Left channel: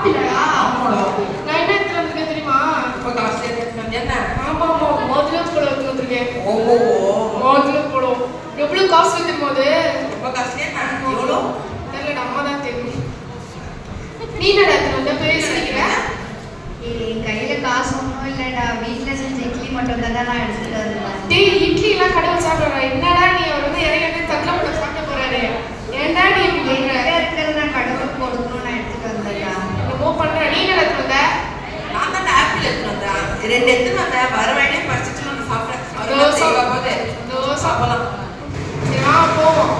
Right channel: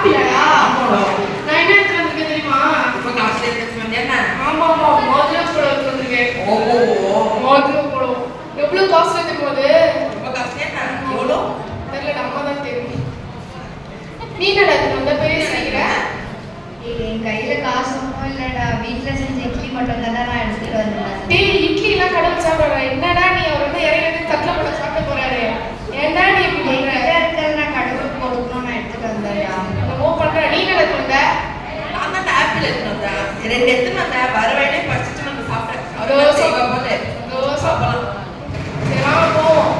ஆப்பிளா? நான் என்ன எடுத்து வந்திருக்கேன் தெரியுமா? ரொம்ப காசு எடுத்து வந்தேன். ஆமா மோதிரம் கூட எடுத்து வந்திருக்கேன். ஓஹோ மோதிரம் கூட எவ்வளவு காசு வைக்கும்போது ரொம்ப காசு என்ன எவ்வளோ தெரியல, அம்மா தான் தெரியும். நீ என்னடா ரொம்ப பெரிய சொல்லிக்கிற? என் கையில காசு ஒன்றும் இல்லடா, வீட்டுல செஞ்ச இட்லி மட்டும் தான் நான் எடுத்துட்டு வருவேன். டேய், இட்லி எல்லாம் கடையில் சாப்பிடுற என்னடா நீ? அவர் வந்து இறங்கி தட்டில் போட்டு சாப்பிட போறாரு. ஏன்டா நீ இப்படி பண்ற? இருக்கிற நான் கடவுளுக்கு கொடுக்கணும், நான் எடுத்துட்டு வந்தேன்டா. என்னமோ பண்ற. நீ என்ன எடுத்து வந்த? நான் தான் ஆப்பிள் எடுத்து வந்தேன். 2 எடுத்து வந்தேன். வர வழியே பறிச்சுட்டு வந்து சாப்பிட்டேன். சாப்பிடலாம். சரி வா போவோம்.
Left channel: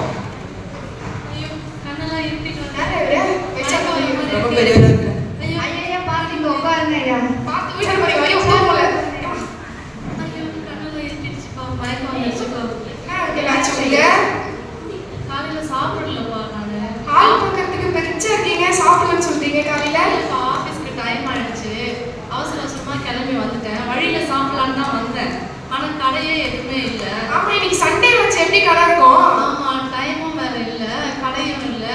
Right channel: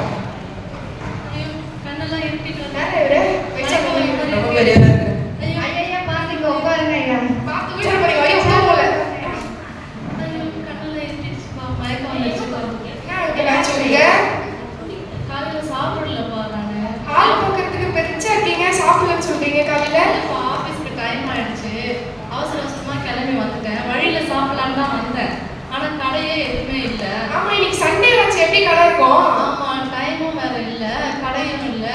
கண்ணெல்லாம் இருட்டிட்டு ரொம்ப பெரிய இருக்கு. ஐயா பாத்து இங்க உட்காருங்க ஐயா. பார்த்து வீடு போய் வழி விட்டே போல. கண்ணெல்லாம் இருட்டிடுச்சுப்பா, மயக்கம் வந்துச்சுப்பா. என்ன உங்களுக்கு சொல்லுங்க? காலையில சாப்பிடலப்பா நானு. ஹால் பக்கத்துக்கு பெருச்சா இருக்கீங்க, சாப்பிடலன்னு சொல்றீங்க காலையில. இப்போ ஆஃபீஸ்க்கு டைம் ஆயிடுச்சு, அவசர அவசரமா கிளம்பி வந்துட்டேன். வழியில சாப்பிடலான்னு தான் வந்தேன், ஆனா கடையே எதுவுமே இல்லை. ஆமா, இன்னைக்கு சண்டே வச்சு எப்படி கடை இருக்கும்? ஆமா, டைமும் வேற இல்ல, கடையும் இல்ல.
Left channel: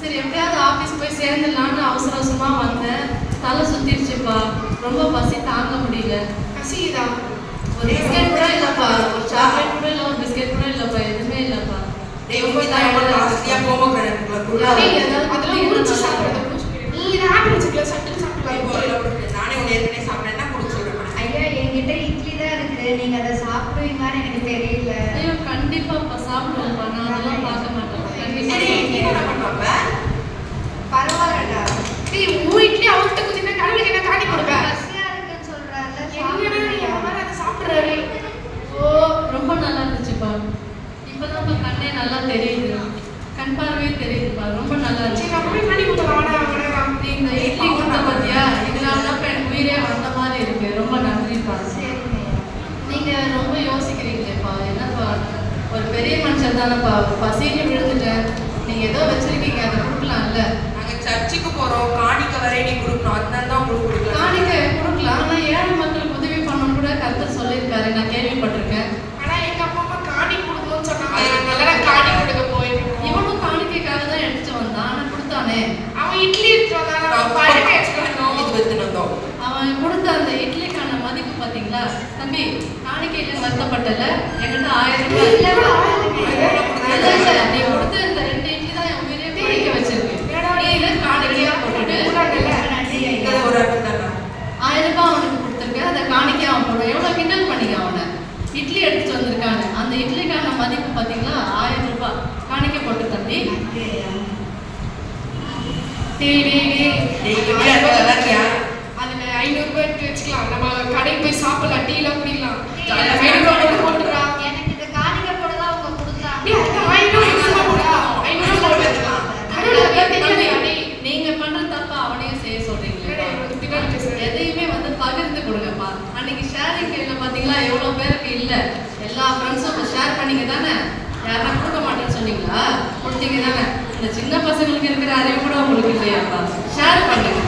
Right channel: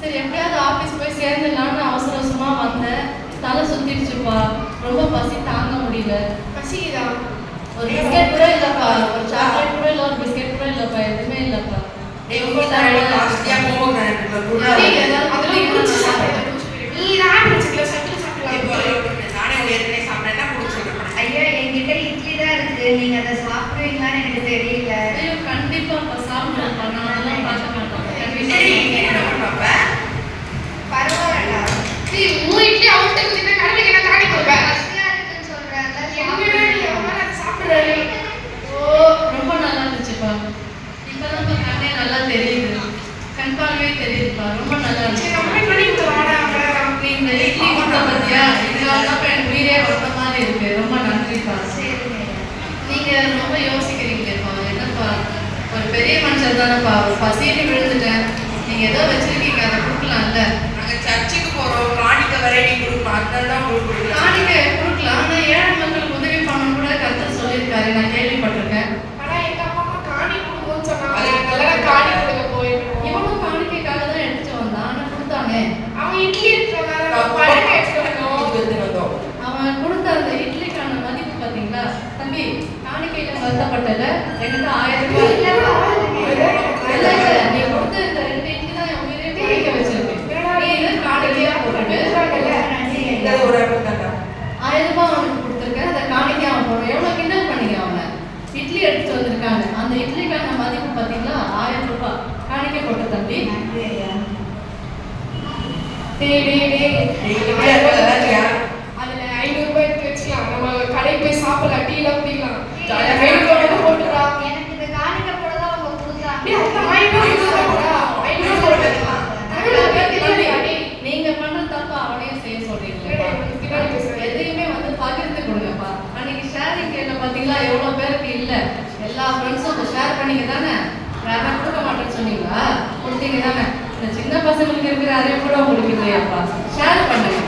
சரி எப்படியாவது ஆபீஸ் போய் சேர்ந்துடலான்னு அவசர அவசரமா வந்தேன். தலை சுத்திடுச்சுப்பா, ரொம்ப பசி தாங்க முடியல. பசிக்குதா? ஒரு பிஸ்கெட் கூட இல்லப்பா, ஒரு சாக்லேட் கூட இல்ல, ஒரு பிஸ்கெட் கூட இல்லப்பா, எதுவுமே இல்லப்பா. டேய் ரொம்ப ஜாஸ்தியா போமோகிரானேட் கூட டேய், அதெல்லாம் குடிச்சு சாப்பிடுறது. நீ தான் ஆப்பிள் சிக்கல சட்டில் சாப்பிடலாம். நானே ஏற்கனவே சாப்பிட்டேன்னா குடிச்சிருக்கேன். ஐயா என்கிட்ட இட்லி தான் இருக்கு, நீங்க அதை சாப்பிடுவீங்களான்னு எனக்கு தெரியல. ஐயோ கண்டிப்பாப்பா சாப்பிடுவேன்ப்பா, நான் அதெல்லாம் பார்க்க மாட்டேன். சரி என்ன பண்ணுவாங்க? பரவாயில்லடா, டேய், உன் இட்லி அவர்கிட்ட குடினா கடமைக்கு நான் காட்டி கொடுப்பேன். பசியா இருக்குன்னு சொல்றாங்க. என்னடா நீ அவரை அதை சாப்பிடுறாரு? ஓ ரொம்ப நல்லா இருந்துச்சுப்பா, இப்பதான் கண்ணே நல்லா தெரியுது, கண் பார்வையே தெரியுதுப்பா, ரொம்ப நல்லா சரி, இருந்துச்சு. நம்ம பண்ணி கொடுத்து வாடா அவன். நீ இந்த இட்லி கொடுத்த பத்தியா, இதனால தான் எனக்கு உயிரே வந்த மாதிரி இருக்கு. ரொம்ப நன்றிப்பா. நீங்க ரொம்ப யோசிக்கிறீங்களேப்பா, என்னப்பா ஒரு பெரிய மனுஷன் தானேப்பா, பசின்னு விழுந்துட்டேன், நீங்க ஏதோ வச்சிருக்கீங்க அதை கொடுக்கலாம்ல. நாங்க சர்ச்சுக்கு போறோம், காணிக்க வரை நீ கொடுக்கணும். அதனால தான் உங்களுக்கு கொடுக்கலாம். காணிக்கை கொடுக்கலாம், ஆனா ஏழை மக்களுக்கு உதவி பண்ணணும் கூட கருத்து சொல்லியிருக்காரு, நான் கேள்விப்பட்டிருக்கேன். ஆனா எங்க அம்மா காணி கொடுக்கணும்னு சொன்னாங்க. அதனால காணி கொடுக்க போயிருக்கோம். இவனும் காணிக்கைக்காக தான் எடுத்துட்டு வந்தான், ஆனா கொடுத்தானே. அவன் இட்லி எடுத்துட்டு வந்தாங்க, பழக்க எடுத்துக்கணும். எடுத்துட்டு வந்தோம். அவன் கொடுத்த அந்த இட்லிக்கான மதிப்பு பாத்தீங்களா தம்பி? காணிக்கையில வருத்தப்பட்டல, என்கிட்ட 1000 ரூபாய் இல்ல, நீ கொடுத்த இந்த 2 இட்லி தான் என் உயிரே பிடிக்க வச்சிருக்கு. நீ இதை காணிக்கையா போட்டுட்டு இது ஒரு ஆப்பிள் தானே. 1000 ரூபாய் அவனுக்கு கொடுத்துருக்க, அதை காணிக்கையா அவன் போடும். எவ்வளவு கிண்டல் பண்ணிக்க அவனை. இட்லி எடுத்துட்டு வந்திருக்காங்க, அந்த இட்லிக்கான மதிப்பு பாத்தீங்களா 1000 ரூபாய். காணிக்கை போட்டு தம்பி. டேய் நீ இப்படி இருக்கியா? அதுல 500 ரூபாய் எடுத்து வச்சுக்கலாம். நம்ம கடைக்கு போய் சாப்பிடலாம், டீலாம் குடிக்கலாம். ஜாலியா மெடிக்கல் வந்து போட்டுறா. எனக்கு இந்த காணிக்கை போட தான் அவங்க கொடுத்தாங்க. டேய், அது 500 ரூபாய் 500 ரூபாய் போட்டு வச்சுக்கலாம். தம்பி, நீங்க பண்ற தப்ப அவனையும் செய்ய சொல்றீங்களே. எதையுமே வந்து பகிர்ந்து கொடுங்கப்பா. அன்னைக்கு ஷேரிங் கேட்ல பாத்தீங்களா எவ்வளவு பேருக்கு இல்ல, எல்லா ஃப்ரெண்ட்ஸும் ஷேர் பண்ணீங்க தானே. யாரும் கொடுக்க மாட்டேன்னு சொன்னீங்களா? கொடுத்தீங்க தானே. இந்த சின்ன பசங்களுக்கு இருக்கிற அறிவு கூட உங்களுக்கு இல்லையாப்பா. ஷேர் பண்ணுங்க.